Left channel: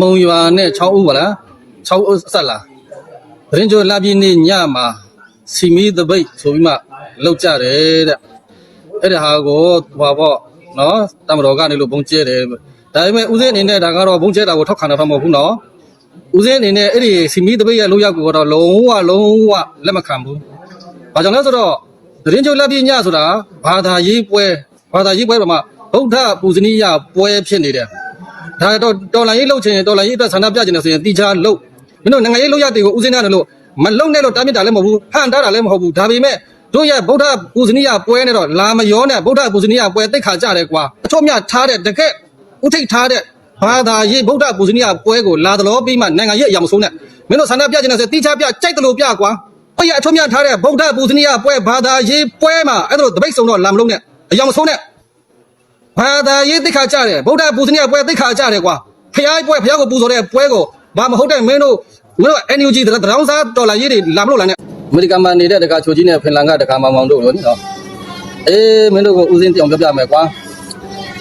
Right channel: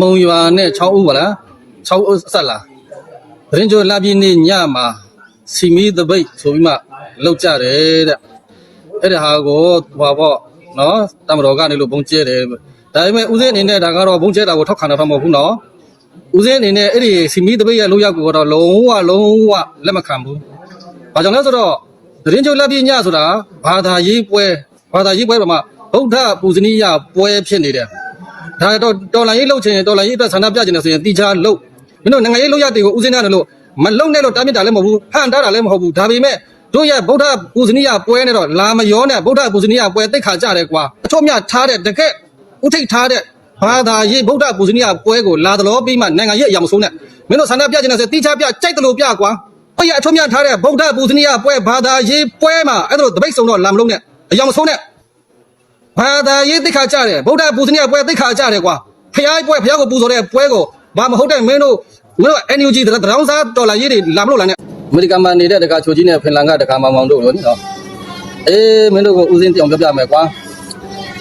မုံရွာနဲ့6ဦးပါလား6ဦးဆက်လာသတင်းကျော်လာပြည့်နေ့ညမှာစီမီတပိတ်ဆိုပြီးမှလောက်ကြတယ်တဲ့အဲ့ဒါဟာကိုဟွာပေါ့နော်တမတော်ကနေလို့ဘုံကျဲတယ်ဒါပေမဲ့ဦးစင်းအနေနဲ့ဒါကတော့ဘုံကျဲတာကိုထောက်ခံတာတော့မဟုတ်ဘူးနော်ဦးစင်းအနေနဲ့အဲ့ဒီစီမီတပိတ်ရဲ့လောက်ရောက်ကိုတော့လုံးဝလုံးဝလက်မခံဘူးဘာကြောင့်လဲဆိုတော့သတင်းကျော်လာပြည့်ညဆိုတာဘာသာရေးပွဲဘာသာရေးပွဲပေါ်မှာဗုဒ္ဓပူဇနီယပွဲဖြစ်နေတယ် ဒါတော့တော်လိုင်းရေးလှုပ်ချင်ရင်တော်လိုင်းရေးအတွက်ဆန္ဒပြချင်တယ်ဆိုရင်တီချာလှုပ်မင်းတို့နိုင်ငံရေးလှုပ်ရတွေကိုဦးစင်းရတယ်လို့မလှုပ်နဲ့လို့တားမြစ်တာလည်းမဟုတ်ဘူးဟန်တားတာလည်းမဟုတ်ဘူးဒါပေမဲ့တို့ရဲ့ဗုဒ္ဓပူဇနီယပွဲနဲ့တော့လာမရောနဲ့ဗုဒ္ဓပူဇနီယပွဲတိတ်ခါကြတယ်ကွာအထွတ်မြတ်ထားတဲ့တကက်ဥထိတ်ထားတဲ့ဘာသာရေးဗုဒ္ဓပူဇနီယပွဲကိုလာသလိုပြီးမှနိုင်ငံရေးအရာမဆုံးနဲ့မင်းတို့ဆန္ဒပြချင်တယ်ဆိုတီချာပြကြိုက်တယ်လို့ပြကွာတို့ရဲ့အထွတ်မြတ်ထားတဲ့ဗုဒ္ဓပူဇနီယပွဲဘာသာရေးပွဲမှာအဲ့ဒါလိုတပိတ်ဆုံးတော့လာမလုံးနဲ့အရာမဆုံးနဲ့ ဘာသာရေးသိက္ခာကြတယ်ဗုဒ္ဓပူဇနီယပွဲသိက္ခာကြတယ်ကွာဖျားပွဲဖျားကိုပူဇော်တဲ့ပွဲကိုဘာမဟုတ်တဲ့မင်းတို့မင်းတို့ NUG တရောင်းစားဒေါ်လာရေးတွေလာမလို့လားနဲ့အမေရိကန်မှာနေတဲ့တကာချိုကြီးနဲ့ဖင်လန်ကတကာမောင်မောင်တို့လို့နော်အေးမင်းတို့ကိုဦးစင်းပြောင်ပြပြမယ်ကွာ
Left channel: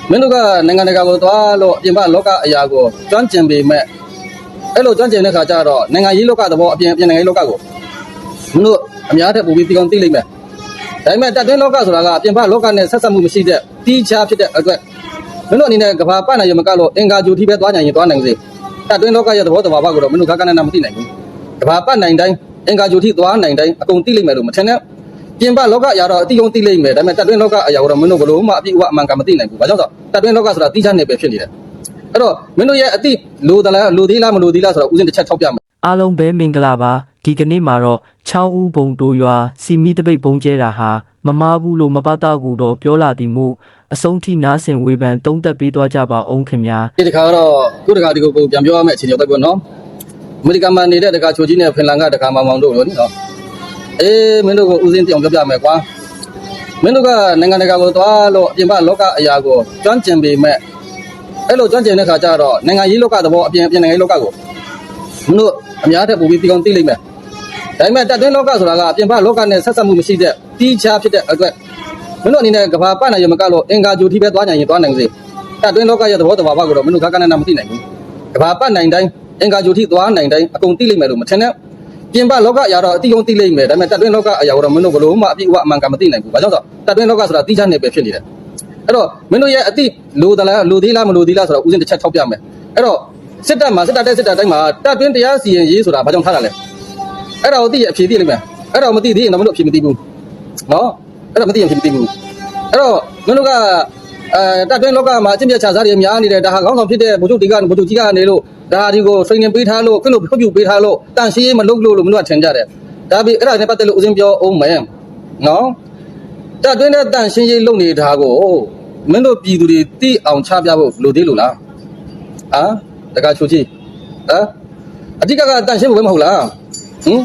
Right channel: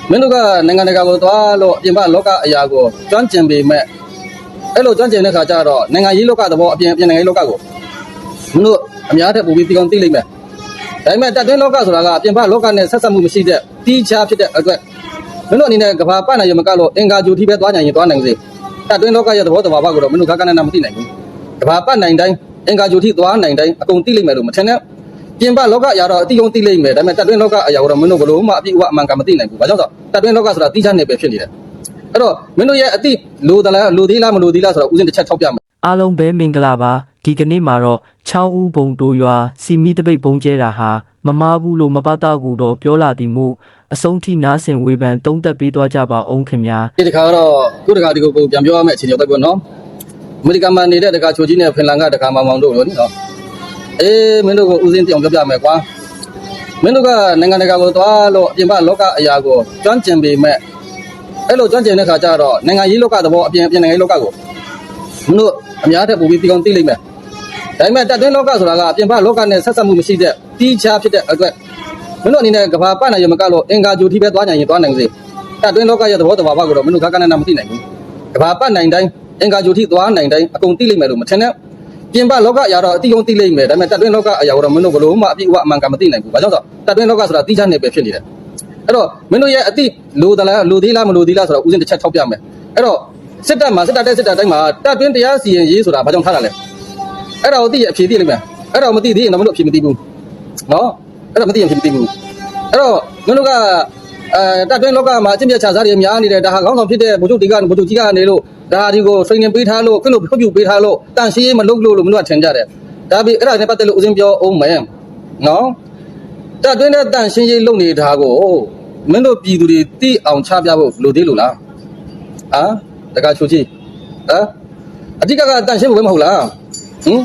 မင်းတို့ကနိုင်ငံတကာကိုသွားလို့အပြင်ဘလောကအရာကိုကျွမ်းကျင်ပေမဲ့အဲ့လိုကျွမ်းကျင်တဲ့ခါကျတော့နိုင်ငံရေးလောကသဘောအပြင်အပြင်နိုင်ငံရေးလောကကိုမင်းတို့အများထက်ပိုပြီးဒီကောင်သိလိမ့်မယ်ဒါပေမဲ့တက်တွင်းလောကဆိုတာကအပြင်ဘလောကနဲ့ဆက်ဆက်မှုမရှိတဲ့တီးခြားဖြစ်တဲ့အတွက်မင်းတို့အနေနဲ့ကဘာပတ်နိုင်ရမကလို့အင်္ဂါဂျူတီပဲသွားနိုင်ရင်သွားနိုင်စေတက်တွင်းလောကရဲ့သဘောတဘာဝကိုတော့မင်းတို့ကကနနာမသိနိုင်ဘူးကဘာပတ်နိုင်တိုင်းအင်္ဂါဂျူတီသွားနိုင်တိုင်းအကုန်သိလိမ့်မယ်လို့မထင်နဲ့ပြင်ပလောကအရာတော့အတိအုံသိလိမ့်မယ်ဒါပေမဲ့တက်တွင်းလောကအရာကိုတော့မင်းတို့ဘလို့မှအပြည့်အဝအမှန်ကမသိနိုင်ဘူးဘာကြောင့်ဆိုတက်တွင်းလောကဆိုတာတီးခြားနေပဲဖြစ်နေတယ်အဲ့တော့မင်းတို့ရဲ့အတိလိုသလားလိုသေးလားမလိုသေးလားဆိုတော့ဥစဉ်တစ်ချက်ထောက်ပြမယ်အားလုံးပဲမင်္ဂလာပါ ဒီကနေ့မှာတော့6ဦးဘုံတို့ရွာစီမီတပိတ်ဘုံကျဲတာဟာမမားဘူးလို့မပတ်တော့ဘူးတော့ပြောလာသည်မို့အဆုံးထိနားဆင်ဝေဖန်တုံးသက်ပေးသွားကြပါအောင်ခင်ဗျာဒီတစ်ခါတော့ခုတစ်ခါဒီကိုကိုပြန်ပြောရမယ့်အခြေအနေတော့ပေါ့နော်အမေရိကန်မှာနေတဲ့တခါချိုကြီးနဲ့ဖင်လန်ကတခါမောင်မောင်တို့လို့နော်အေးမင်းတို့ကိုဦးစင်းတောင်ပြောပြမယ်ကွာမင်းတို့ကနိုင်ငံတကာကိုသွားလို့အပြင်ဘလောကအရာကိုကျွမ်းကျင်ပေမဲ့အဲ့လိုကျွမ်းကျင်တဲ့ခါကျတော့နိုင်ငံရေးလောကသဘောအပြင်အပြင်နိုင်ငံရေးလောကကိုမင်းတို့အများထက်ပိုပြီးဒီကောင်သိလိမ့်မယ် ဒါပေမဲ့တက်တွင်းလောကဆိုတာကအပြင်ဘလောကနဲ့ဆက်ဆက်မှုမရှိတဲ့တီးခြားဖြစ်တဲ့အတွက်မင်းတို့အနေနဲ့ကဘာပတ်နိုင်ရမကလို့အင်္ဂါဂျူတီပဲသွားနိုင်ရင်သွားနိုင်စေတက်တွင်းလောကရဲ့သဘောတဘာဝကိုတော့မင်းတို့ကကနနာမသိနိုင်ဘူး။ကဘာပတ်နိုင်တိုင်းအင်္ဂါဂျူထိသွားနိုင်တိုင်းအကုန်သိလိမ့်မယ်လို့မထင်နဲ့။ပြင်ပလောကအရာတော့အတိအုံသိလိမ့်မယ်။ဒါပေမဲ့တက်တွင်းလောကအရာကိုတော့မင်းတို့ဘလို့မှအပြည့်အဝအမှန်ကမသိနိုင်ဘူး။ဘာကြောင့်ဆိုတော့တက်တွင်းလောကဆိုတာတိကျနေပဲဖြစ်နေတယ်။အဲ့တော့မင်းတို့ရဲ့အတိလိုသလားလိုသေးလားမလိုသေးလားဆိုတော့ဥစဉ်တစ်ချက်ထောက်ပြမယ်။အဲ့တော့စစ်တပ်မှာစစ်တပ်တဲ့စစ်တပ်တိုင်းမှာတက်တွင်းတရားစီရင်ရေးဆိုတာဘာကြောင့်ထားတာလဲ။ အဲ့ဒါကိုသိရအဖြေသိလိမ့်မယ်။အဲ့ဒါကိုမသိသေးရင်တော့မင်းတို့အဖြေမသိဘူး။နော်။အဲ့ဒါမသိရင်အဖြေမသိဘူး။အဲ့တော့မင်းတို့ကအဲတပ်တွင်းလောကမှာအကျင့်ပြတ်ချစားတွေများနေတယ်ဒါဟာခေါင်းဆောင်ဖြစ်တဲ့ဗိုလ်ချုပ်တွေကဗိုလ်ချုပ်ကြီးကနေလို့ဒါဒီကို training ပေးထားလို့ခွင့်လို့ခွင့်ပြုပေးထားလို့တန်ရှင်းရေးမလုပ်လို့လို့မင်းတို့ကထင်ကြတယ်ဒါပြီးအဲ့ဒါနဲ့ပတ်သက်လို့ဦးစင်းပြောအောင်မယ်နော်တပ်တွင်းတဲ့တန်ရှင်းရေးလုပ်နေတာကိုမင်းတို့ပြည်သူတွေသိအောင်ချပြဖို့လိုသေးလို့လားအာတကချိုကြီးဟမ်အဓိကကတန်ရှင်းဖို့ပဲမဟုတ်လား ဟင်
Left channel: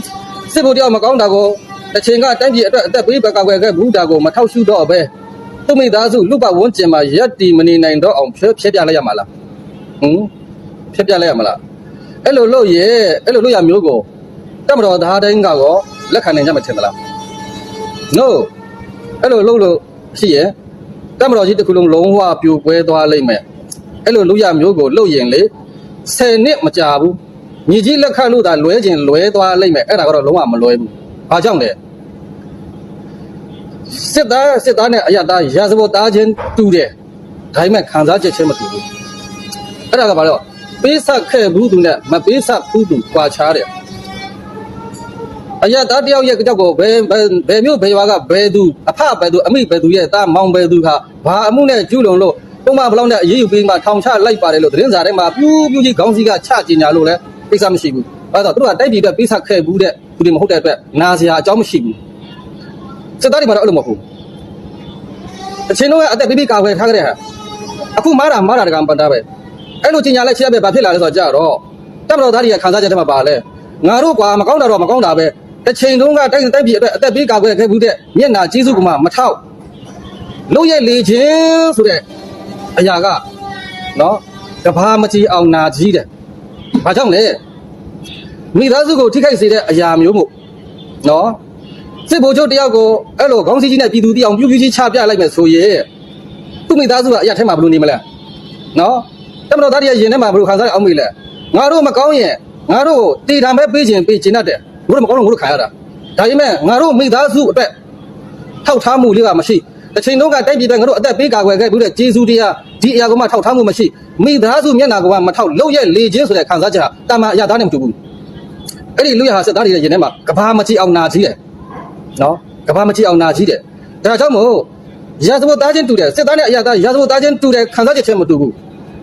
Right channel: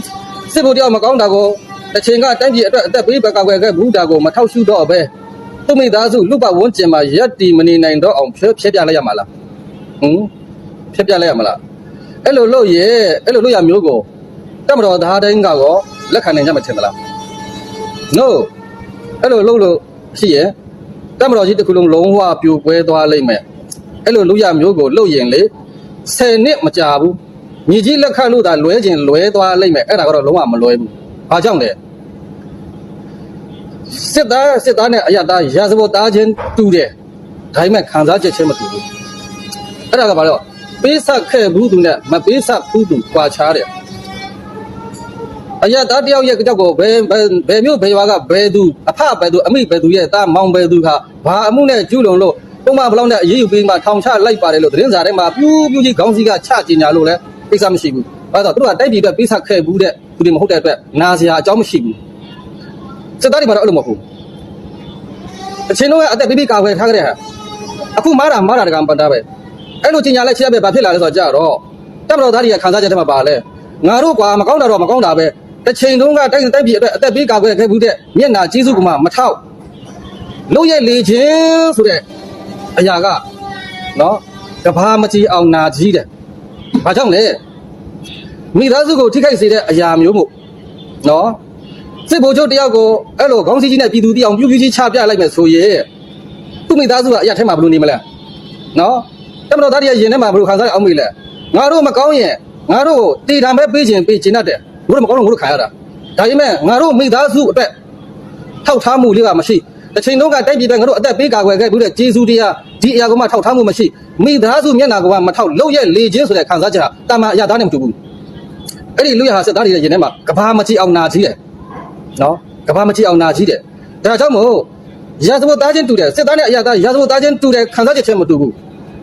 စစ်ဖို့တယောက်မကောင်းတာကိုတစ်ချိန်ကတိုင်းပြည်အတွက်အသက်ပေးပကောက်ွယ်ခဲ့ဘူးတာကိုမထောက်ရှုတော့ပဲသူ့မိသားစုလူပဝန်းကျင်မှာရက်တီမနေနိုင်တော့အောင်ဖြဲဖြဲပြလိုက်ရမှာလားဟင်ဖြဲပြလိုက်ရမှာလားအဲ့လိုလို့ရဲ့အဲ့လိုလို့ရမျိုးကိုတမတော်သားတိုင်းကတော့လက်ခံနိုင်ကြမှာထင်သလား no အဲ့လိုလို့လို့ရှိရဲ့တမတော်ကြီးတစ်ခုလုံးလုံးဝပြိုကွဲသွားလိမ့်မယ်အဲ့လိုလို့ရမျိုးကိုလို့ရင်လေ10နှစ်မကြာဘူး ညီကြီးလက်ခတ်လို့သာလွဲခြင်းလွဲသွားလိမ့်မယ်အဲ့ဒါကတော့လုံးဝမလွဲဘူးဘာကြောင့်လဲစစ်သားစစ်သားနဲ့အရသားရာဇဝတ်သားချင်းတူတယ်ဒါပေမဲ့ခံစားချက်ချင်းမတူဘူးအဲ့ဒါကဘာလို့ပေးဆက်ခဲ့ဘူးသူနဲ့မပေးဆက်ဘူးသူကွာခြားတယ်အရသားတယောက်ရဲ့ကြောက်ကိုဘယ်ဘယ်ဘယ်မျိုးဘယ်ရွာကဘယ်သူအဖဘယ်သူအမိဘယ်သူရဲ့သားမောင်ဘယ်သူဟာဘာအမှုနဲ့ကျူးလွန်လို့ပုံမှန်ဘလောက်နဲ့အရေးယူပြီးမှထောင်ချလိုက်ပါတယ်လို့သတင်းစာထဲမှာပြူးပြူးကြီးခေါင်းစည်းကချကျင်ညာလို့လဲ ကိစ္စမရှိဘူးဘာလို့လဲသူတို့ကတိုက်ပြည်အတွက်ပေးဆက်ခဲ့ဘူးတဲ့သူတွေမဟုတ်တဲ့အတွက်နာစရာအကြောင်းမရှိဘူးစစ်သားတွေမှာတော့အဲ့လိုမဟုတ်ဘူးအချင်းလုံးကအသက်ပြပြကာဝယ်ထားကြတဲ့ဟာအခုမားတာမားတာတကံပန်တာပဲအဲ့လိုကြီးညာလိုက်ချက်ရပဲဘာဖြစ်လာလဲဆိုတော့ကြာတော့တက်မတော်သားတွေကခံစားချက်တွေမှာပါလဲငါတို့ကွာမကောင်းတာတော့မကောင်းတာပဲတစ်ချိန်တုန်းကတိုက်တိုက်ပြည်အတွက်အသက်ပေးကာဝယ်ခဲ့ဘူးတဲ့မျက်နာကျေးဇူးကမှမထောက်လို့ရဲ့လေချင်းဆိုတဲ့အရာကနော်တဘာမကြည်အောင်နာကြီးတဲ့ဘာကြောင့်လဲ မိသားစုကိုထိခိုက်စေတဲ့အရာမျိုးမို့နော်စစ်ဗိုလ်ချုပ်တယောက်ကိုအဲ့လိုခေါင်းစည်းကြီးနဲ့ပြည်သူတယောက်ပြူးပြူးကြီးချပြလိုက်မယ်ဆိုရင်သူ့မိသားစုကအရာထဲမှာဘယ်လိုနေမလဲနော်တမတော်သားတွေကရင်ထဲမှာဘယ်လိုခံစားရအောင်မေးလဲငါတို့မကောင်းရင်ငါတို့တီထံပဲပေးခြင်းပေးခြင်းတတ်တယ်ငါတို့မကောင်းလို့ငါတို့ခံရတာဒါပေမဲ့ငါတို့မိသားစုအတွက်ထောက်ထားမှုလေးကမရှိတစ်ချိန်တုန်းကတိုက်ပြည်တဲ့ငါတို့အသက်ပေးကာကွယ်ခဲ့ပြီးတဲ့ဂျေဇူးတရားဒီအရာကမှထောက်ထားမှုမရှိမိသားစုမျက်နှာကမှမထောက်လို့ရဲ့လေချင်းဆိုတဲ့ခံစားချက်ဟာတာမန်အရာသားနဲ့မတူဘူး အဲ့ဒီလူရဟာစက်သားတွေရဲ့ရင်ထဲမှာကဘာမကြည့်အောင်နာကြီးတယ်နော်ကဘာမကြည့်အောင်နာကြီးတယ်ဒါကြောင့်မို့ရာဇဝတ်သားချင်းတူတယ်စစ်သားနဲ့အရာသားရာဇဝတ်သားချင်းတူတယ်ခံစားချက်ချင်းမတူဘူး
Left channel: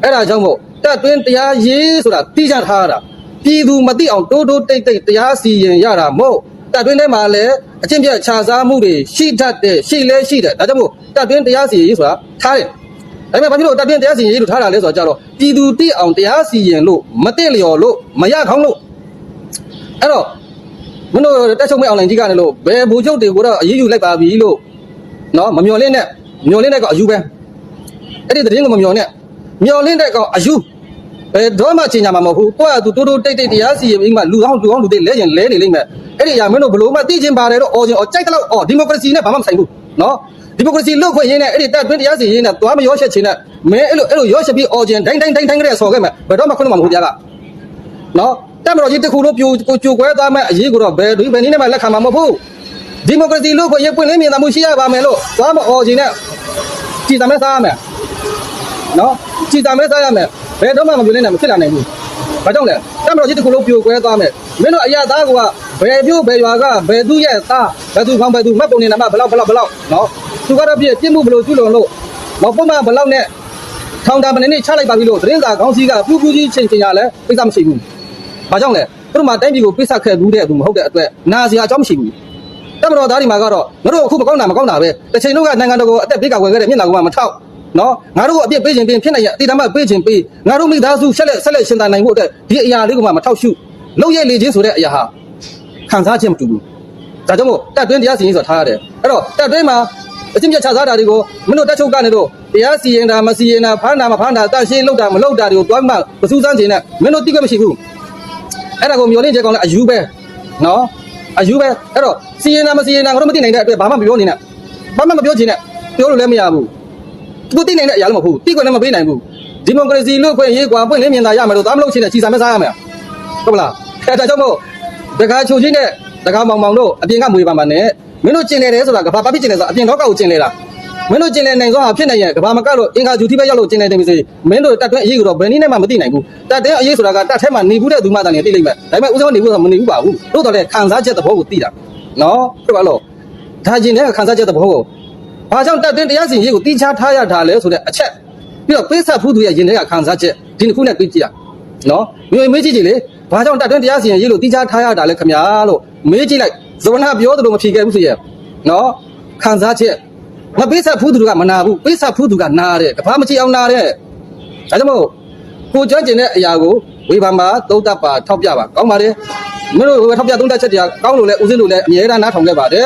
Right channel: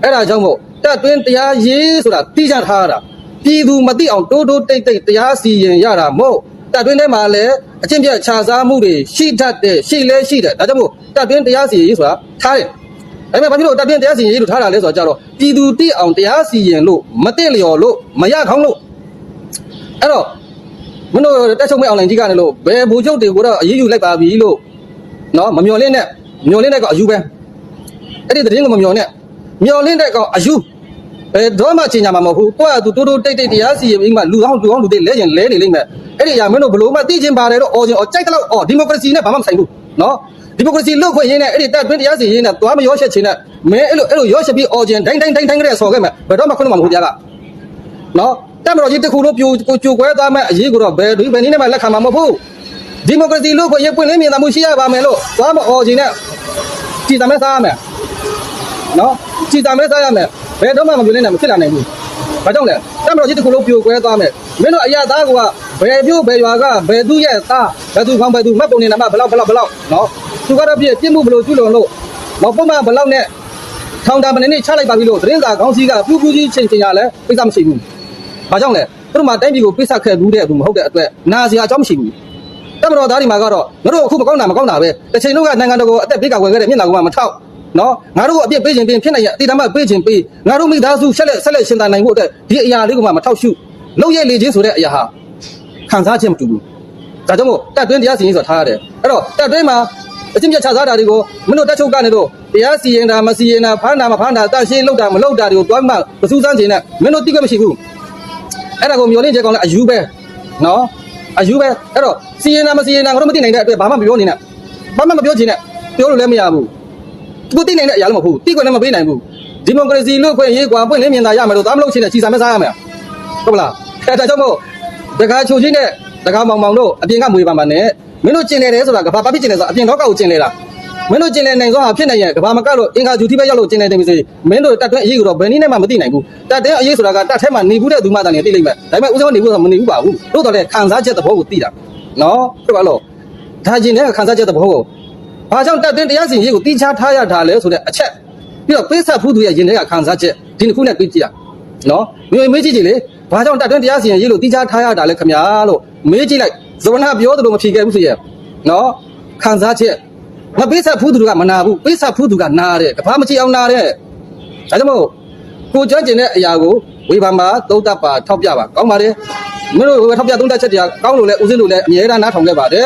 အဲ့ဒါကြောင့်မို့တက်တွင်းတရားရေးဆိုတာတိကျထားရတာပြည်သူမသိအောင်တိုးတိုးတိတ်တိတ်တရားစီရင်ရတာမို့တက်တွင်းထဲမှာလည်းအချင်းပြတ်ခြားစားမှုတွေရှိတတ်တယ်ရှိလဲရှိတယ်ဒါကြောင့်မို့တက်တွင်းတရားစီရင်ရေးဆိုတာထားတယ်ဒါပေမဲ့ဘာဖြစ်လို့တက်တွင်းတရားစီရင်ရေးလို့ထားတာလဲဆိုတော့ကြတော့ပြည်သူတိအောင်တရားစီရင်လို့မသိလျော်လို့မရခေါင်းလို့ အဲ့တော့မင်းတို့တက်ချုပ်မဲ့အွန်လိုင်းကြီးကနေလို့ဘယ်ဘူချုပ်တွေကိုတော့အရေးယူလိုက်ပါပြီလို့နော်မမျော်လင့်နဲ့မျော်လင့်တဲ့ကအယူပဲအဲ့ဒီသတင်းကိုမမျော်နဲ့မျော်လင့်တဲ့ကောင်အယူဘယ်တော့မှချိန်ညာမှာမဟုတ်ဘူးကိုယ့်အတူတိုးတိုးတိတ်တိတ်တရားစီရင်ပြီးမှလူအောင်လူအောင်လူတွေလဲကျင်လဲနေလိမ့်မယ်အဲ့ဒီအရာမင်းတို့ဘလို့မှသိချင်းပါတယ်တော့အော်ချင်းအော်ကြိုက်တဲ့လောက်အော်ဒီမိုကရေစီနဲ့ဘာမှမဆိုင်ဘူးနော်ဒီမိုကရေစီလို့ခွင့်ရင်းနဲ့အဲ့ဒီတက်တွင်းတရားစီရင်နဲ့သွားမရောရှက်ချင်နဲ့မင်းအဲ့လိုအဲ့လိုရောရှက်ပြီးအော်ချင်းဒိုင်းဒိုင်းဒိုင်းဒိုင်းကလေးဆော်ခဲ့မယ်ဘယ်တော့မှခွင့်လို့မမဟုတ်တရားကနော် တက်မတော်ကြီးတစ်ခုလို့ပြိုကိုကြိုကွဲသွားမဲ့အရေးကိုတော့ဘယ်ဒီဘယ်နည်းနဲ့မှလက်ခံမှာမဟုတ်ဘူးဒီမိုကရေစီလို့ခွင့်ရပွင့်လင်းမြင်သာမှုရှိရပါမယ်လို့သွားမအော်ချင်းနဲ့ကြည်သမဲစားရမယ်နော်ကြည်စာမဲစားရမယ်ဘယ်တော့မှမပြောနိုင်နဲ့မဖြစ်လာနိုင်ဘူးဘာကြောင့်လဲတမတော်ကြီးတစ်ခုလုံးပြိုကွဲသွားမယ်မင်းတို့အရာသားကဘယ်ပြို့ဘယ်ရွာကဘယ်သူရဲ့သားဘယ်သူခေါင်းဘယ်သူမှတ်ပုံနေနာမဘလောက်ဘလောက်ဘလောက်နော်သူကတော့ပြည့်ပြစ်မှုဘလို့ကျุလုံလို့တော့ပုံမှန်ဘလောက်နဲ့ထောင်တာမနေနဲ့ချလိုက်ပါပြီလို့သတင်းစာခေါင်းစည်းကပူပူကြီးချိန်ချိန်ရလဲပိဿမရှိဘူး ဘာကြောင့်လဲသူတို့မှတိုင်းပြည်ကိုပိဿခဲ့ဘူးတဲ့သူမဟုတ်တဲ့အတွက်နာစရာအကြောင်းမရှိဘူးတမတော်သားဒီမှာကတော့ငါတို့အခုမကောင်းတာမကောင်းတာပဲတစ်ချိန်လုံးကနိုင်ငံတော်ကိုအသက်ပေးကာကွယ်ခဲ့တဲ့မျက်နှာကမထောက်နော်ငါတို့ကိုအပြစ်ပေးခြင်းပေးဖြစ်နိုင်ရအတိအမှပေးခြင်းပေးငါတို့မိသားစုဆက်လက်ဆက်လက်ရှင်သန်နိုင်ဖို့အတွက်ဒီအရာလေးကမှမထောက်ရှုလောက်ရဲ့လေချင်းဆိုတဲ့အရာဟာခံစားခြင်းမတူဘူးဒါကြောင့်မို့တက်တွင်းတရားစီရင်ဆိုတာထားရတယ်အဲ့တော့တက်တွင်းမှာအချင်းပြတ်ချစားတာတွေကိုမင်းတို့တက်ချုပ်ကနေတော့တရားစီရင်တာမစီရင်တာဖမ်းတာမဖမ်းတာတန့်ရှင်းလောက်တာမလောက်တာတွေကိုတွမ်းမှမစူးစမ်းခြင်းနဲ့မင်းတို့တိကျမရှိဘူး အဲ့ဒါကိုမျောလင့်ချက်ကောင်းလဲအယူပဲနော်အယူပဲအဲ့တော့စီရင်တာမစီရင်တာငါတို့မသိနိုင်တဲ့အတွက်ဘာမှမပြောနေနဲ့ဘာမှမပြောချင်နဲ့ပြောလို့လည်းမရဘူးသူသိနိုင်တဲ့အရာလည်းမဟုတ်ဘူးတိကွလည်းမပေးနိုင်ဘူးဒီမိုကရေစီလို့ခွင့်ရေးကွာပွင့်လင်းမြင်သာရမယ်လို့ဒါမလို့ချင်တဲ့ချီစာမဲစားရမယ်ဟုတ်ပလားအဲ့ဒါကြောင့်မို့တကားချိုချင်းနဲ့တကားမောင်မောင်တို့အပြင်ကမွေပါမှာနဲ့မင်းတို့ကျင်နေတယ်ဆိုတာကဘာဘာဖြစ်ကျင်လဲဆိုအပြင်တော့ကောက်ကိုကျင်လေလား မင်းတို့ကျင်နေနိုင်သောဟာဖြစ်နိုင်ရဲ့ကဘာမကလို့အင်္ဂါဂျူတိပဲရောက်လို့ကျင်နေတယ်ပြီစေမင်းတို့တက်တွင်းအရေးကတော့ဘယ်နည်းနဲ့မှမသိနိုင်ဘူးတက်တဲ့အရေးဆိုတာကတက်ထဲမှာနေဘူးတဲ့သူမှတန်နေသိလိမ့်မယ်ဒါပေမဲ့ဥစ္စာနေဘူးဆိုမနေဘူးပါဘူးတို့တော့လေခံစားချက်သဘောကိုသိတာနော်ဟုတ်ပါလို့ဒါကျင်တဲ့ခံစားချက်သဘောကိုဘာကြောင့်တက်တွင်းတရားစီရင်ရေးကိုတီးခြားထားရတာလဲဆိုတဲ့အချက်ပြီးတော့ပေးဆက်ဖူးသူရဲ့ရင်ထဲကခံစားချက်ဒီတစ်ခုနဲ့တွေးကြည့်ရနော်မျိုးမေးကြည့်ကြည့်လေဘာကြောင့်တက်တွင်းတရားစီရင်ရေးလို့တီးခြားထားရတာလဲခင်ဗျာလို့မေးကြည့်လိုက်ဇဝနာပြောသလိုမဖြေခဲ့ဘူးဆိုရဲ့နော်ခံစားချက် မပေးဆက်ဖူးသူကမနာဘူးပေးဆက်ဖူးသူကနာတယ်ကဘာမကြည့်အောင်နာတဲ့ဒါကြောင့်မို့ကိုကြွကျင်တဲ့အရာကိုဝေဖန်ပါသုံးသပ်ပါထောက်ပြပါကောင်းပါတယ်မင်းတို့ထောက်ပြသုံးသပ်ချက်တွေကကောင်းလို့လဲဦးစင်းလို့လဲအမြဲတမ်းနားထောင်ခဲ့ပါတယ်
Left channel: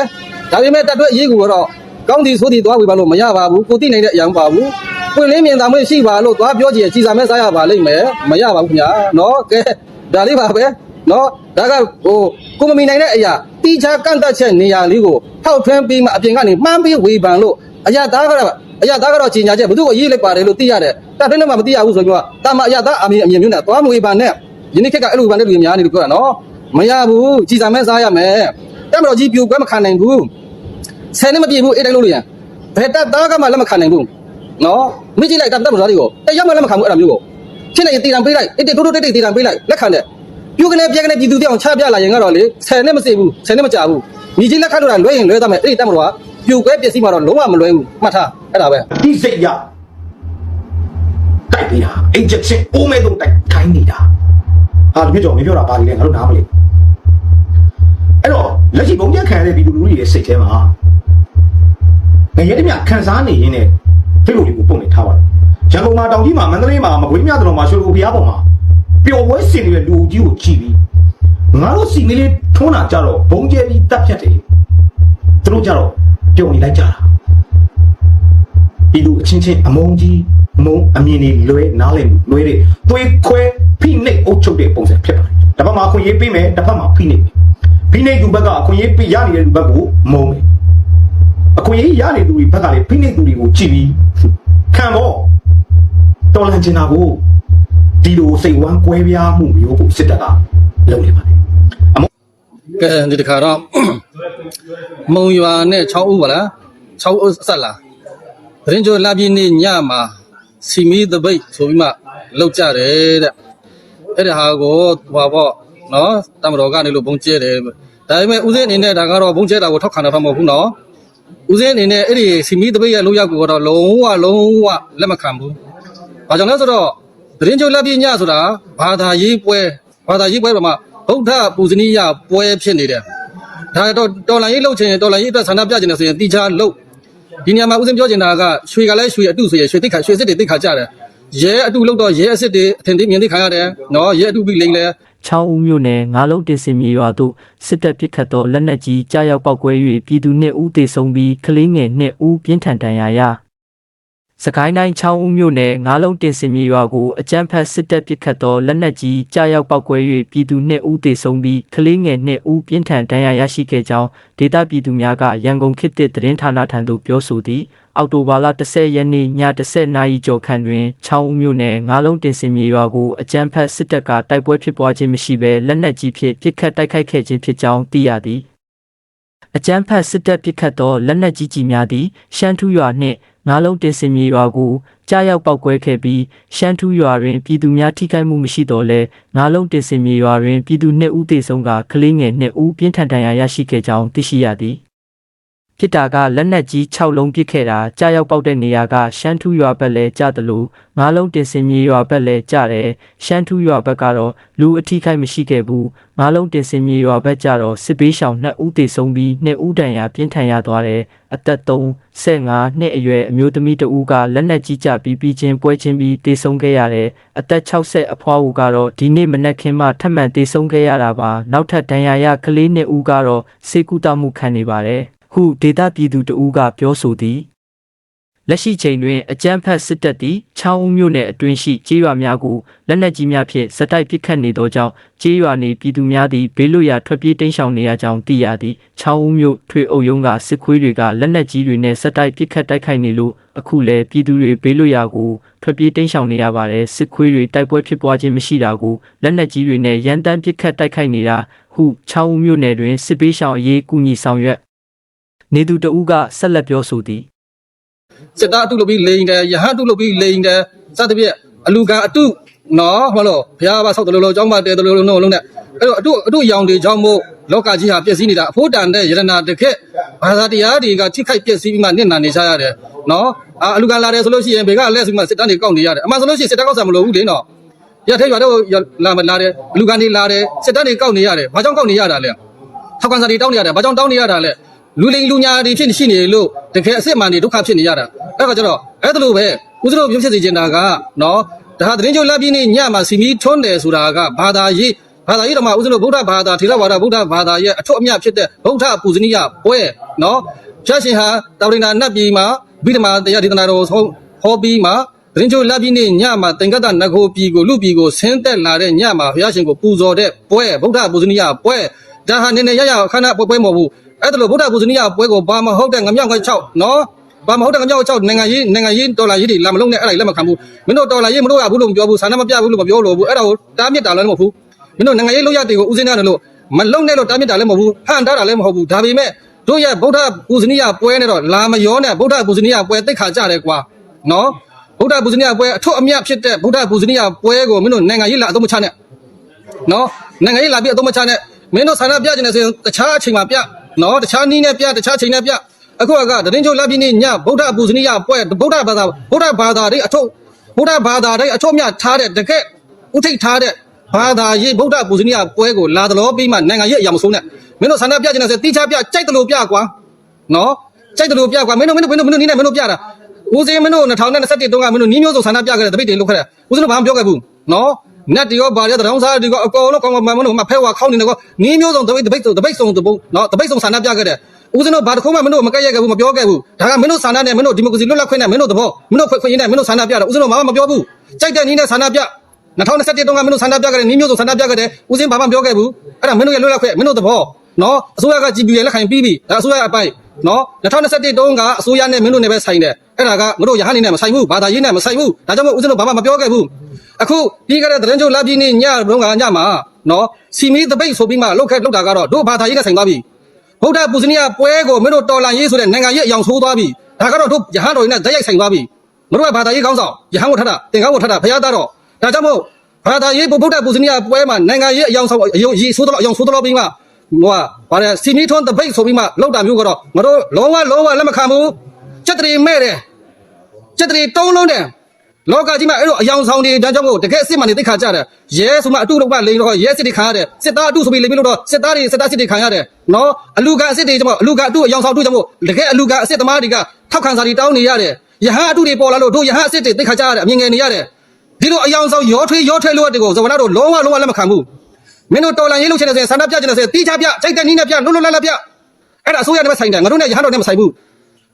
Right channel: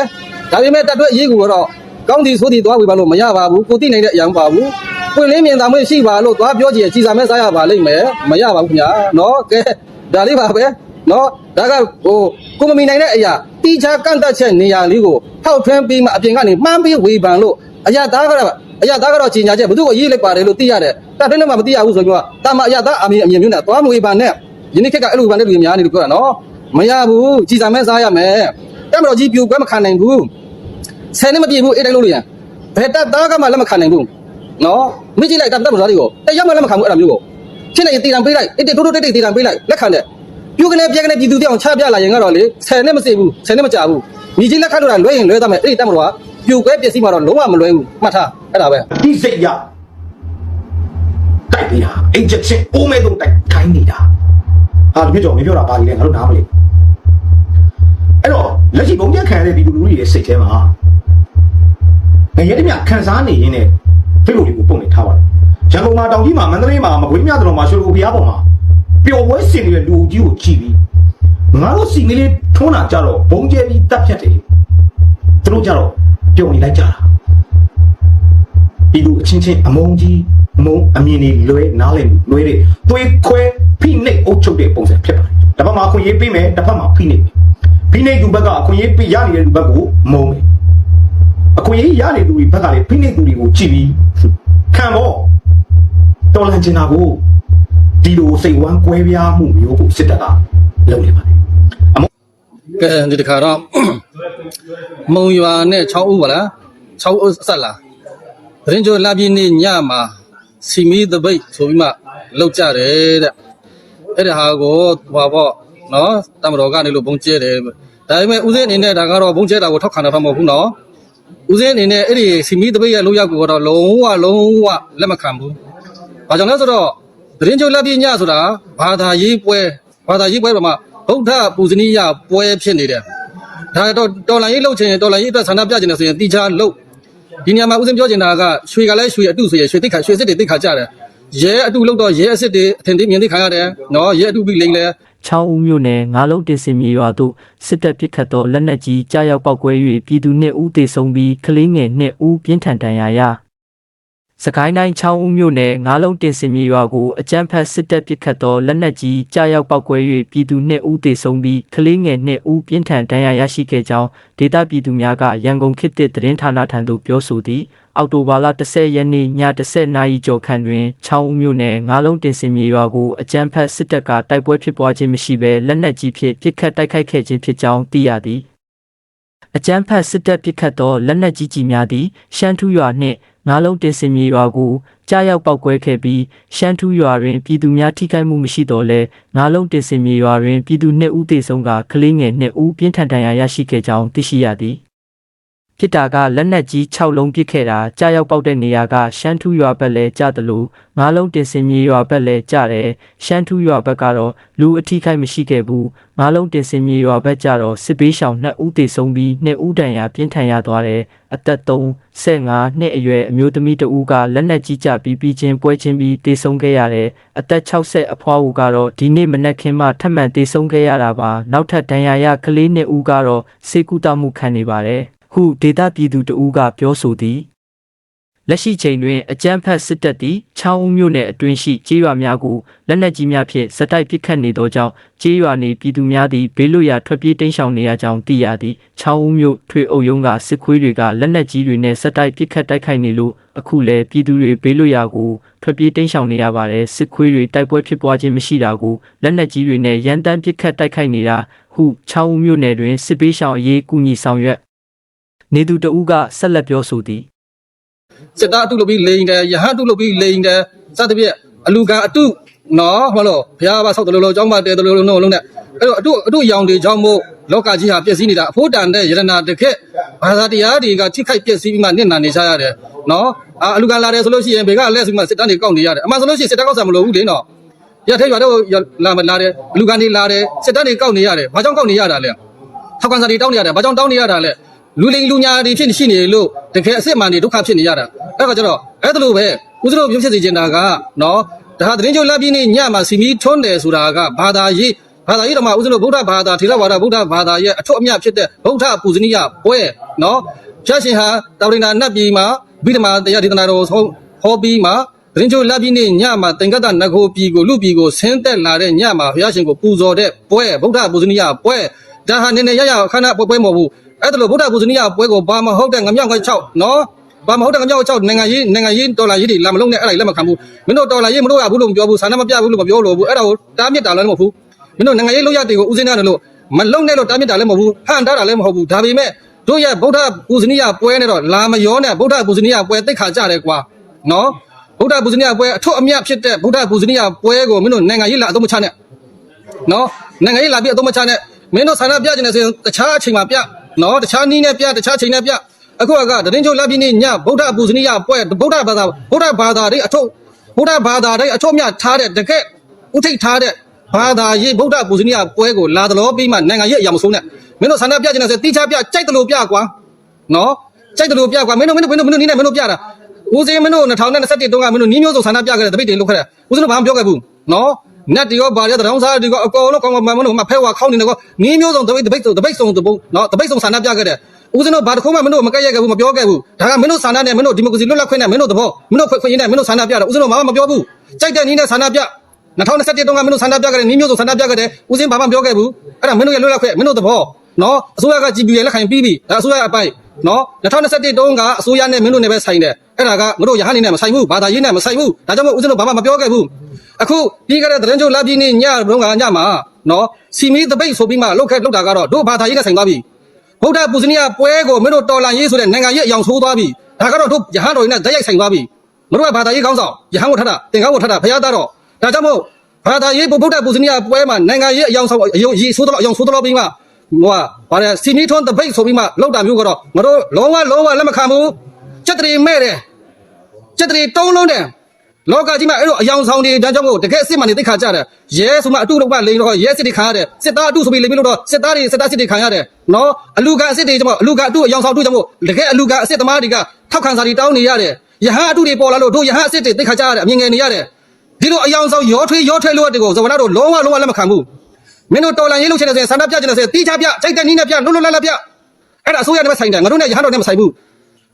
ဒါပေမဲ့တက်တွက်အရေးကူတော့ကောင်းသည်ဆိုသည်သွားဝေဖန်လို့မရပါဘူးကိုသိနိုင်တဲ့အရာမပါဘူးပွင့်လင်းမြင်သာမှုရှိပါလို့သွားပြောကြည့်ကြည်စာမဲစားရပါလိမ့်မယ်မရပါဘူးခင်ဗျာနော်ကဲဒါလေးပါပဲနော်ဒါကဟိုကိုမမီနိုင်တဲ့အရာ တီချာကန့်တက်ချက်နေရာလေးကိုထောက်ထွင်းပြီးမှအပြင်ကနေမှန်းပြီးဝေဖန်လို့အရာသားကတော့အရာသားကတော့ကြီးညာချက်ဘယ်သူ့ကိုရေးလိုက်ပါတယ်လို့သိရတယ်တက်တွင်းထဲမှာမသိရဘူးဆိုတော့တာမအရာသားအမြင်အမြင်မျိုးနဲ့သွားမဝေဖန်နဲ့ယနေ့ခေတ်ကအဲ့လိုဝေဖန်တဲ့လူတွေများနေလို့ပြောတာနော်မရဘူးကြည်စာမဲစားရမယ်တက်မတော်ကြီးပြိုကွဲမခံနိုင်ဘူးဆယ်နှစ်မပြည့်ဘူးအေးတိုင်းလို့လို့ရဘယ်တက်သားကမှလက်မခံနိုင်ဘူးနော်မိကြည့်လိုက်တက်တက်မတော်တွေကိုတယောက်မှလက်မခံဘူးအဲ့ဒါမျိုးကိုဖြစ်နေရင်တီတံပေးလိုက်အေးတိုးတိုးတိတ်တိတ်တီတံပေးလိုက်လက်ခံတယ် ပြိုကနေပြဲကနေပြည်သူတောင်ချပြလာရင်ကတော့လေဆယ်နှစ်မစေဘူးဆယ်နှစ်မကြာဘူးမိကြီးလက်ခံလို့တာလွဲရင်လွဲသားမယ်အဲ့ဒီတက်မတော်ကပြိုကွဲပစ္စည်းမှတော့လုံးဝမလွဲဘူးမှတ်ထားအဲ့ဒါပဲတိစိတ်ရတိုက်ပေးတာအိတ်ချက်ချင်းအိုးမဲတော့တိုက်ခိုင်းနေတာဟာဒီပြကြောင်မပြောတာပါလေငါတို့နားမလဲအဲ့တော့လက်ရှိဘုံပြခံရတဲ့ပြည်သူလူထုတွေရဲ့စိတ်ထဲမှာငရဲတမြခံစားနေရင်းနဲ့ဖိလို့လေးကိုပုံနေထားပါတယ်ရန်ကုန်မှာတောင်ကြီးမှာမန္တလေးမှာမကွေးမြတ်တော်မှာရွှေလူဘုရားပေါ်မှာ ပျော်ပွဲစင်နေတဲ့လူကြီးကိုကြည့်ပြီးငါတို့စီမီလေးထုံးတာကြတော့ဘုံကျဲပြီးတပ်ဖြတ်တယ်သူတို့ကြတော့ပျော်နေလိုက်ကြတာပြည်သူအချင်းချင်းအမုန်းကြီးမုံအမြင်တွေလွဲနားလည်မှုလွဲတွေသွေးခွဲဖိနှိပ်အုပ်ချုပ်တဲ့ပုံစံဖြစ်ပါတယ်။တစ်ဖက်မှာအခွင့်အရေးပေးမယ်တစ်ဖက်မှာဖိနှိပ်မယ်။ဖိနှိပ်သူဘက်ကအခွင့်အရေးပေးရနေတဲ့သူဘက်ကိုမုံတယ်။အခွင့်အရေးရနေသူတွေဘက်ကလည်းဖိနှိပ်သူတွေကိုကြည့်ပြီးခံတော့တော်လန်ချင်တာကို ဒီလိုစိတ်ဝမ်းကွဲပြားမှုမျိုးကိုစစ်တပ်ကလုပ်နေပါတယ်အမောကဲဒီတစ်ခါတော့မုံရွာနဲ့6ဦးပါလား6ဦးဆက်လာသတင်းကြိုလာပြီးနေ့ညမှာစီမီတပိတ်ဆိုပြီးမှလောက်ကြတယ်တဲ့အဲ့ဒါဟာကိုဟွာပေါ့နော်တမတော်ကနေလို့ဘုံကျဲတယ်ဒါပေမဲ့ဦးစင်းအနေနဲ့ဒါကတော့ဘုံကျဲတာကိုထောက်ခံတာမဟုတ်ဘူးနော်ဦးစင်းအနေနဲ့အဲ့ဒီစီမီတပိတ်ရဲ့လောက်ရောက်ကိုတော့လုံးဝလုံးဝလက်မခံဘူးဘာကြောင့်လဲဆိုတော့ သတင်းကြိုလာပြီးညဆိုတာဘာသာရေးပွဲဘာသာရေးပွဲတော့မှဗုဒ္ဓပူဇနီယပွဲဖြစ်နေတယ်ဒါတော့တော်လိုင်းရေးလှုပ်ချင်ရင်တော်လိုင်းရေးအတွက်ဆန္ဒပြချင်တယ်ဆိုရင်တိချာလှုပ်ဒီနေရာမှာဦးစင်းပြောချင်တာကရွှေကလည်းရွှေအတုဆိုရင်ရွှေတိတ်ခါရွှေစစ်တွေတိတ်ခါကြတယ်ရဲအတုလှုပ်တော့ရဲအစစ်တွေအထင်သေးမြင်သိခါရတယ်နော်ရဲအတုပြီးလိမ့်လဲချောင်းဦးမြို့နယ်ငါးလုံးတင်စင်မြေရွာသို့စစ်တပ်ပစ်ခတ်သောလက်နက်ကြီးကြားရောက်ပောက်ကွဲ၍ပြည်သူနှင့်ဦးသေဆုံးပြီးကလေးငယ်နှင့်ဦးပြင်းထန်ဒဏ်ရာရ စကိုင်းတိုင်းချောင်းဦးမြို့နယ်ငါးလုံးတင်စင်မြေရွာကိုအကြမ်းဖက်စစ်တပ်ပစ်ခတ်သောလက်နက်ကြီးကြားရောက်ပောက်ကွဲ၍ပြည်သူနှင့်ဦးသေဆုံးပြီးကလေးငယ်နှင့်ဦးပြင်းထန်ဒဏ်ရာရရှိခဲ့ကြောင်းဒေသပြည်သူများကရန်ကုန်ခေတ်သစ်သတင်းဌာနထံသို့ပြောဆိုသည်အောက်တိုဘာလ10ရက်နေ့ည10နာရီကျော်ခန့်တွင်ချောင်းဦးမြို့နယ်ငါးလုံးတင်စင်မြေရွာကိုအကြမ်းဖက်စစ်တပ်ကတိုက်ပွဲဖြစ်ပွားခြင်းမရှိဘဲလက်နက်ကြီးဖြင့်ပစ်ခတ်တိုက်ခိုက်ခဲ့ခြင်းဖြစ်ကြောင်းသိရသည်အကြမ်းဖက်စစ်တပ်ပစ်ခတ်သောလက်နက်ကြီးကြီးများသည်ရှမ်းထူးရွာနှင့် ငါးလုံးတင်စင်မြေရွာကိုကြားရောက်ပောက်ကွဲခဲ့ပြီးရှမ်းထူးရွာတွင်ပြည်သူများထိခိုက်မှုမရှိတော့လဲငါးလုံးတင်စင်မြေရွာတွင်ပြည်သူနှစ်ဦးသေဆုံးကကလေးငယ်နှစ်ဦးပြင်းထန်ဒဏ်ရာရရှိခဲ့ကြောင်းသိရှိရသည် ဖြစ်တာကလက်နက်ကြီး6လုံးပစ်ခဲ့တာကြားရောက်ပောက်တဲ့နေရာကရှမ်းထူးရွာဘက်လဲကြားတယ်လို့ငါးလုံးတင်စင်မြေရွာဘက်လဲကြားတယ်ရှမ်းထူးရွာဘက်ကတော့လူအထိခိုက်မရှိခဲ့ဘူးငါးလုံးတင်စင်မြေရွာဘက်ကျတော့စစ်ပေးရှောင်2ဦးသေဆုံးပြီး2ဦးဒဏ်ရာပြင်းထန်ရသွားတယ်အသက်3 15နှစ်အရွယ်အမျိုးသမီးတဦးကလက်နက်ကြီးကျပြီးပြီးချင်းပွဲချင်းပြီးသေဆုံးခဲ့ရတယ်အသက်60အဖွားဦးကတော့ဒီနေ့မနက်ခင်းမှထပ်မံသေဆုံးခဲ့ရတာပါနောက်ထပ်ဒဏ်ရာရကလေး2ဦးကတော့စေကူတမှုခံနေပါတယ် ဟုဒေတာပြည်သူတဦးကပြောဆိုသည်လက်ရှိချိန်တွင်အကြမ်းဖက်စစ်တပ်သည်ချောင်းဦးမြို့နယ်အတွင်းရှိကြေးရွာများကိုလက်နက်ကြီးများဖြင့်စက်တိုက်ပစ်ခတ်နေသောကြောင့်ကြေးရွာနေပြည်သူများသည်ဘေးလွတ်ရာထွက်ပြေးတိမ်းရှောင်နေရကြောင်းသိရသည်ချောင်းဦးမြို့ထွေအုပ်ရုံးကစစ်ခွေးတွေကလက်နက်ကြီးတွေနဲ့စက်တိုက်ပစ်ခတ်တိုက်ခိုက်နေလို့အခုလည်းပြည်သူတွေဘေးလွတ်ရာကိုထွက်ပြေးတိမ်းရှောင်နေရပါတယ်စစ်ခွေးတွေတိုက်ပွဲဖြစ်ပွားခြင်းမရှိတာကိုလက်နက်ကြီးတွေနဲ့ရန်တမ်းပစ်ခတ်တိုက်ခိုက်နေတာဟုချောင်းဦးမြို့နယ်တွင်စစ်ပေးရှောင်အရေးကူညီဆောင်ရွက် နေသူတဦးကဆက်လက်ပြောဆိုသည်စစ်သားအတုလုပ်ပြီးလိန်တယ်ရဟန်းအတုလုပ်ပြီးလိန်တယ်စသဖြင့်အလူကအတုနော်ဟုတ်လို့ဘုရားဘာဆောက်တယ်လို့လို့အကြောင်းပါတဲတယ်လို့လို့လုံးနဲ့အဲ့တော့အတုအတုရောင်တွေကြောင့်မို့လောကကြီးဟာပြည့်စည်နေတာအဖို့တန်တဲ့ယရနာတခက်ဘာသာတရားတွေကထိခိုက်ပြည့်စည်ပြီးမှနစ်နာနေကြရတယ်နော်အာအလူကလာတယ်ဆိုလို့ရှိရင်ဘေကလက်ဆိုပြီးမှစစ်တမ်းတွေကောက်နေရတယ်အမှန်ဆိုလို့ရှိရင်စစ်တမ်းကောက်ဆံမလို့ဘူးလေနော်ရထိုက်ရွာတော့လာမလာတယ်အလူကနေလာတယ်စစ်တမ်းတွေကောက်နေရတယ်ဘာကြောင့်ကောက်နေရတာလဲထောက်ကန်စာတွေတောင်းနေရတယ်ဘာကြောင့်တောင်းနေရတာလဲ လူလိန်လူညာတွေဖြစ်ရှိနေလို့တကယ်အစ်စ်မှန်တွေဒုက္ခဖြစ်နေရတာအဲ့ဒါကြတော့အဲ့ဒါလိုပဲဦးဇင်းတို့ပြဖြစ်စေချင်တာကနော်ဒါဟာသတင်းချုပ်လက်ပြင်းနေညမှာစီမီထွန်းတယ်ဆိုတာကဘာသာရေးဘာသာရေးတော့မှဦးဇင်းတို့ဗုဒ္ဓဘာသာထေရဝါဒဗုဒ္ဓဘာသာရဲ့အထွတ်အမြတ်ဖြစ်တဲ့ဗုဒ္ဓပူဇနီယပွဲနော်ဖြတ်ရှင်ဟာတာဝရိနာနတ်ပြည်မှာဗိဓမာတရားဒေသနာတော်ဆုံးဟောပြီးမှာသတင်းချုပ်လက်ပြင်းနေညမှာသင်္ကတနဂိုပြည်ကိုလူပြည်ကိုဆင်းသက်လာတဲ့ညမှာဘုရားရှင်ကိုပူဇော်တဲ့ပွဲဗုဒ္ဓပူဇနီယပွဲဒါဟာနည်းနည်းရရခန္ဓာပွဲပွဲမဟုတ်ဘူး အဲ့ဒါလို့ဗုဒ္ဓပူဇနီယပွဲကိုဘာမဟုတ်တဲ့ငမြောက်ငချောက်နော်ဘာမဟုတ်တဲ့ငမြောက်ချောက်နိုင်ငံရေးနိုင်ငံရေးဒေါ်လာရေးတွေလာမလုံးနဲ့အဲ့ဒါလက်မခံဘူးမင်းတို့ဒေါ်လာရေးမလို့ရဘူးလို့မပြောဘူးဆန္ဒမပြဘူးလို့မပြောလို့ဘူးအဲ့ဒါကိုတားမြစ်တာလည်းမဟုတ်ဘူးမင်းတို့နိုင်ငံရေးလောက်ရတွေကိုဦးစင်းရတယ်လို့မလုံးနဲ့လို့တားမြစ်တာလည်းမဟုတ်ဘူးဟန်တားတာလည်းမဟုတ်ဘူးဒါပေမဲ့တို့ရဲ့ဗုဒ္ဓပူဇနီယပွဲနဲ့တော့လာမရောနဲ့ဗုဒ္ဓပူဇနီယပွဲတိတ်ခါကြတယ်ကွာနော်ဗုဒ္ဓပူဇနီယပွဲအထွတ်အမြတ်ဖြစ်တဲ့ဗုဒ္ဓပူဇနီယပွဲကိုမင်းတို့နိုင်ငံရေးလာအသုံးမချနဲ့နော်နိုင်ငံရေးလာပြီးအသုံးမချနဲ့မင်းတို့ဆန္ဒပြကြနေဆိုရင်တခြားအချိန်မှာပြ နော်တခြားနည်းနဲ့ပြတခြားချိန်နဲ့ပြအခုကတရင်ချုပ်လက်ပြီးနေညဗုဒ္ဓပူဇနီယပွဲဗုဒ္ဓဘာသာဗုဒ္ဓဘာသာတွေအထုပ်ဗုဒ္ဓဘာသာတွေအထုပ်မြထားတဲ့တကက်ဥထိတ်ထားတဲ့ဘာသာရေးဗုဒ္ဓပူဇနီယပွဲကိုလာတော်ပြီးမှနိုင်ငံရေးအရာမဆုံးနဲ့မင်းတို့ဆန္ဒပြကြနေဆိုတိချပြကြိုက်တယ်လို့ပြကွာနော်ကြိုက်တယ်လို့ပြကွာမင်းတို့မင်းတို့မင်းတို့မင်းတို့နီးနဲ့မင်းတို့ပြတာဦးစင်းမင်းတို့2021တုန်းကမင်းတို့နီးမျိုးစုံဆန္ဒပြခဲ့တဲ့တပိတ်တွေလုပ်ခဲ့တယ်ဦးစင်းတို့ဘာမှပြောခဲ့ဘူးနော် နတ်တီရောဗာရတဲ့တောင်စားတီရောအကောင်လုံးကောင်မမလို့မဖဲဝါခေါင်းနေတော့နီးမျိုးစုံတပိတ်တပိတ်တပိတ်စုံတပုတ်နော်တပိတ်စုံဆန္ဒပြခဲ့တဲ့ဦးဇင်းတို့ဘာတစ်ခုမှမင်းတို့မကက်ရက်ခဲ့ဘူးမပြောခဲ့ဘူးဒါကမင်းတို့ဆန္ဒနဲ့မင်းတို့ဒီမိုကရေစီလွတ်လပ်ခွင့်နဲ့မင်းတို့သဘောမင်းတို့ခွင့်ခွင့်ရင်းနဲ့မင်းတို့ဆန္ဒပြတယ်ဦးဇင်းတို့ဘာမှမပြောဘူးကြိုက်တဲ့နီးနဲ့ဆန္ဒပြ2021တုန်းကမင်းတို့ဆန္ဒပြခဲ့တဲ့နီးမျိုးစုံဆန္ဒပြခဲ့တဲ့ဦးဇင်းဘာမှမပြောခဲ့ဘူးအဲ့ဒါမင်းတို့ရဲ့လွတ်လပ်ခွင့်မင်းတို့သဘောနော်အစိုးရက GP ရဲ့လက်ခံပြီးပြီဒါအစိုးရအပိုင် နော်2021တုန်းကအစိုးရနဲ့မင်းတို့နဲ့ပဲဆိုင်တယ်အဲ့ဒါကငါတို့ရဟန်းနေနဲ့မဆိုင်ဘူးဘာသာရေးနဲ့မဆိုင်ဘူးဒါကြောင့်မို့ဦးဇင်းတို့ဘာမှမပြောခဲ့ဘူးအခုပြီးခဲ့တဲ့သတင်းချုပ်လာပြီးနေညတုန်းကညမှာနော်စီမီတပိတ်ဆိုပြီးမှလောက်ခဲ့လောက်တာကတော့တို့ဘာသာရေးနဲ့ဆိုင်သွားပြီဗုဒ္ဓပူဇနီယပွဲကိုမင်းတို့တော်လန်ရေးဆိုတဲ့နိုင်ငံရေးအယောင်ဆိုးသွားပြီဒါကတော့တို့ရဟန်းတော်တွေနဲ့ဓာတ်ရိုက်ဆိုင်သွားပြီမတို့ကဘာသာရေးကောင်းဆောင်ရဟန်းကိုထတာတင်ကားကိုထတာဖရားသားတော့ဒါကြောင့်မို့ဘာသာရေးဗုဒ္ဓပူဇနီယပွဲမှာနိုင်ငံရေးအယောင်ဆောင်အယုံရေးဆိုးတော့အယောင်ဆိုးတော့ပြီးမှ ဟိုကဗါတယ်စီမီထွန်းတပိတ်ဆိုပြီးမှလောက်တာမျိုးကတော့ငါတို့လုံးဝလုံးဝလက်မခံဘူးစက်တရီမဲ့တယ်စက်တရီတုံးလုံးတယ်လောကကြီးမှာအဲ့လိုအယောင်ဆောင်တွေဒါကြောင့်မို့တကယ်အစ်စ်မှန်နေသိခါကြတယ်ရဲဆိုမှအတုတော့ကလိန်တော့ရဲစစ်တွေခံရတယ်စစ်သားအတုဆိုပြီးလိန်ပြီးလို့တော့စစ်သားတွေစစ်သားစစ်တွေခံရတယ်နော်အလူကအစ်စ်တွေကြောင့်မို့အလူကအတုအယောင်ဆောင်အတုကြောင့်မို့တကယ်အလူကအစ်စ်သမားတွေကထောက်ခံစာတွေတောင်းနေရတယ်ယဟန်အတုတွေပေါ်လာလို့တို့ယဟန်အစ်စ်တွေသိခါကြရတယ်အမြင်ငယ်နေရတယ်ဒီလိုအယောင်ဆောင်ရောထွေးရောထွေးလို့တဲ့ကိုဇဝနာတို့လုံးဝလုံးဝလက်မခံဘူး မင်းတို့တော်လန်ရေးလုပ်ချင်တဲ့ဆန္ဒပြချင်တဲ့တီးချပြချိတ်တဲ့နီးနဲ့ပြလွတ်လွတ်လပ်လပ်ပြအဲ့ဒါအစိုးရနဲ့ပဲဆိုင်တယ်ငါတို့နဲ့ရဟန်းတော်နဲ့မဆိုင်ဘူး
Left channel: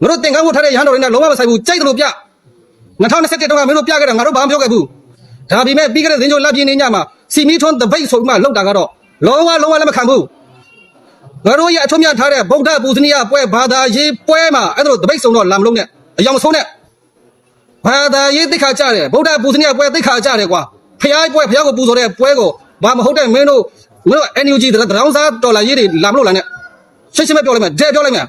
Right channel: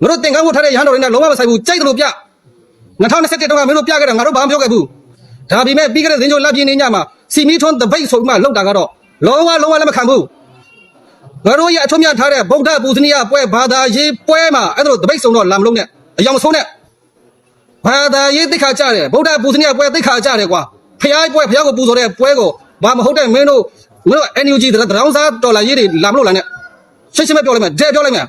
ငါတို့သင်္ကန်းဝတ်ထားတဲ့ရဟန်းတော်တွေနဲ့လုံးဝမဆိုင်ဘူးကြိုက်တယ်လို့ပြ2021တုန်းကမင်းတို့ပြခဲ့တယ်ငါတို့ဘာမှပြောခဲ့ဘူးဒါပေမဲ့ပြီးခဲ့တဲ့သင်္ကြန်လပြင်းနေညမှာစီမီထွန်းတပိတ်ဆိုပြီးမှလောက်တာကတော့လုံးဝလုံးဝလက်မခံဘူးငါတို့ရဲ့အထွတ်မြတ်ထားတဲ့ဗုဒ္ဓပူဇနီယပွဲဘာသာရေးပွဲမှာအဲ့ဒါတပိတ်ဆုံးတော့လာမလုံးနဲ့အယောင်ဆုံးနဲ့ဘာသာရေးသိခါကြတယ်ဗုဒ္ဓပူဇနီယပွဲသိခါကြတယ်ကွာဖျားပွဲဖျားကိုပူဇော်တဲ့ပွဲကို ဘာမဟုတ်တဲ့မင်းတို့မင်းတို့ NUG တရောင်းစားတော်လာရေးတွေလာမလို့လားနဲ့ရှင်းရှင်းပဲပြောလိုက်မယ်ဒဲပြောလိုက်မယ်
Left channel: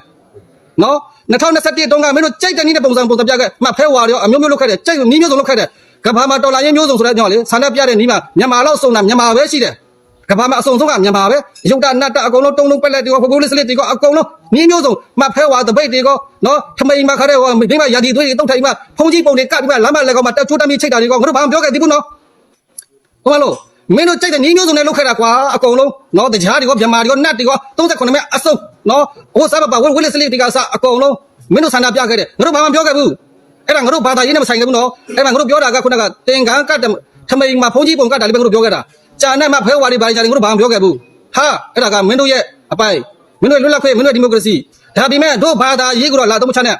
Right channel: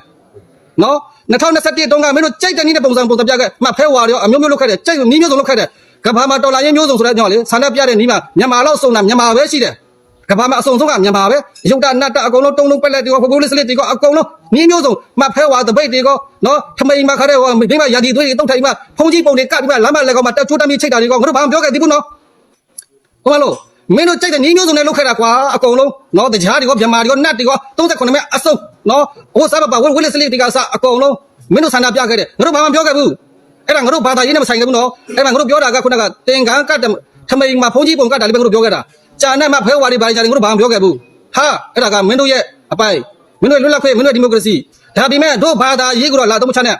နော်2021တုန်းကမင်းတို့ကြိုက်တဲ့နည်းနဲ့ပုံစံပုံစံပြခဲ့မှဖဲဝါရောအမျိုးမျိုးလုပ်ခဲ့တယ်ကြိုက်နီးမျိုးစုံလုပ်ခဲ့တယ်ကဘာမှာတော်လာရေးမျိုးစုံဆိုတဲ့ကြောင့်လေဆန္ဒပြတဲ့နီးမှာမြန်မာလောက်စုံတာမြန်မာပဲရှိတယ်ကဘာမှာအစုံဆုံးကမြန်မာပဲရုပ်တနတ်တအကုန်လုံးတုံးလုံးပက်လက်တွေကောဖကိုးလေးစလစ်တွေကောအကုန်လုံးနီးမျိုးစုံမှဖဲဝါတပိတ်တွေကောနော်ထမိန်မှာခါတဲ့ဟိုမိမရာဒီသွေးတွေတုတ်ထိုင်မှာဖုန်ကြီးပုံတွေကပ်ပြီးမှလမ်းမလက်ကောမှာတက်ချိုးတမ်းပြီးချိတ်တာတွေကောငါတို့ဘာမှပြောခဲ့သေးဘူးနော်ဟိုမလို့ မင်းတို့ကြိုက်တဲ့ညီမျိုးစုံနဲ့လုတ်ခဲ့တာကွာအကုန်လုံးနော်တကြားတွေကောဗမာတွေကောနတ်တွေကော38မဲအစုံနော်ဟိုစားပါပါဝဝလေးစလေးတွေကစအကုန်လုံးမင်းတို့ဆန္ဒပြခဲ့တယ်ငါတို့ဘာမှပြောခဲ့ဘူးအဲ့ဒါငါတို့ဘာသာရေးနဲ့မဆိုင်ဘူးနော်အဲ့မှာငါတို့ပြောတာကခုနကတင်ကန်းကတ်ထမိန်မှာဖုန်ကြီးပုံကတ်တာလေးပဲငါတို့ပြောခဲ့တာကြာနဲ့မှဖဲဝါတွေဘာတွေကြာတွေငါတို့ဘာမှပြောခဲ့ဘူးဟာအဲ့ဒါကမင်းတို့ရဲ့အပိုင်မင်းတို့လွတ်လပ်ခွင့်မင်းတို့ဒီမိုကရေစီဒါပေမဲ့တို့ဘာသာရေးကတော့လာတော့မချနဲ့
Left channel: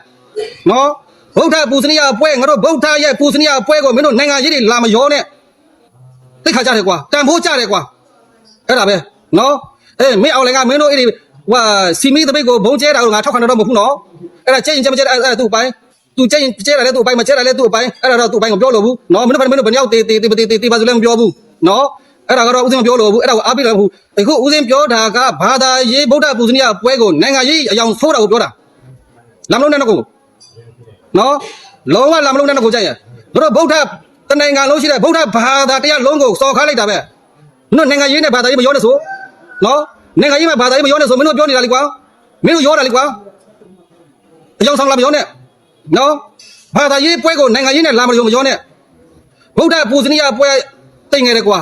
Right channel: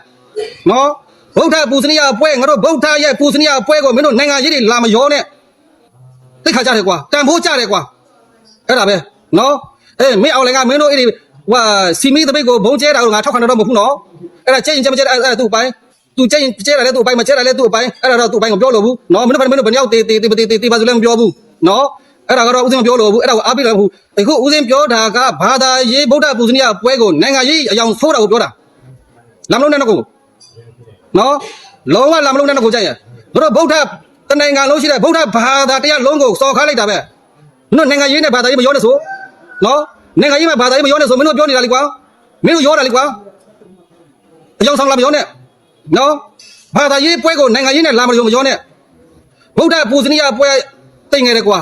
နော်ဗုဒ္ဓပူဇနီယပွဲငါတို့ဗုဒ္ဓရဲ့ပူဇနီယပွဲကိုမင်းတို့နိုင်ငံရေးတွေလာမရောနဲ့ သိခါကြတယ်ကွာတန်ဖိုးကြတယ်ကွာအဲ့ဒါပဲနော်အေးမင်းအောင်လည်းကမင်းတို့အဲ့ဒီဟွာစီမီတပိတ်ကိုဘုံကျဲတာကိုငါထောက်ခံတော့မဟုတ်ဘူးနော်အဲ့ဒါကျဲရင်ကျဲမကျဲအဲ့ဒါသူ့အပိုင်းသူကျဲရင်ကျဲတာလည်းသူ့အပိုင်းမကျဲတာလည်းသူ့အပိုင်းအဲ့ဒါတော့သူ့အပိုင်းကိုပြောလို့ဘူးနော်မင်းတို့မင်းတို့ဘယ်ရောက်တေးတေးတေးတေးတေးပါဆိုလည်းမပြောဘူးနော်အဲ့ဒါကတော့ဦးစင်းမပြောလို့ဘူးအဲ့ဒါကိုအားပေးလို့ဘူးအခုဦးစင်းပြောတာကဘာသာရေးဗုဒ္ဓပူဇနီယပွဲကိုနိုင်ငံရေးအယောင်ဆိုးတာကိုပြောတာလမ်းလုံးနဲ့တော့ကိုနော်လုံးဝလာမလုံးနဲ့တော့ကိုကြိုက်ရတို့ဗုဒ္ဓ တနိုင်ငံလုံးရှိတဲ့ဗုဒ္ဓဘာသာတရားလုံးကိုစော်ခါလိုက်တာပဲမင်းတို့နိုင်ငံရေးနဲ့ဘာသာရေးမရောနဲ့ဆိုနော်နိုင်ငံရေးမှာဘာသာရေးမရောနဲ့ဆိုမင်းတို့ပြောနေတာလေကွာမင်းတို့ရောတာလေကွာအယောင်ဆောင်လာမရောနဲ့နော်ဘာသာရေးပွဲကိုနိုင်ငံရေးနဲ့လာမလို့မရောနဲ့ဗုဒ္ဓပူဇနီယပွဲတိတ်ငယ်တယ်ကွာ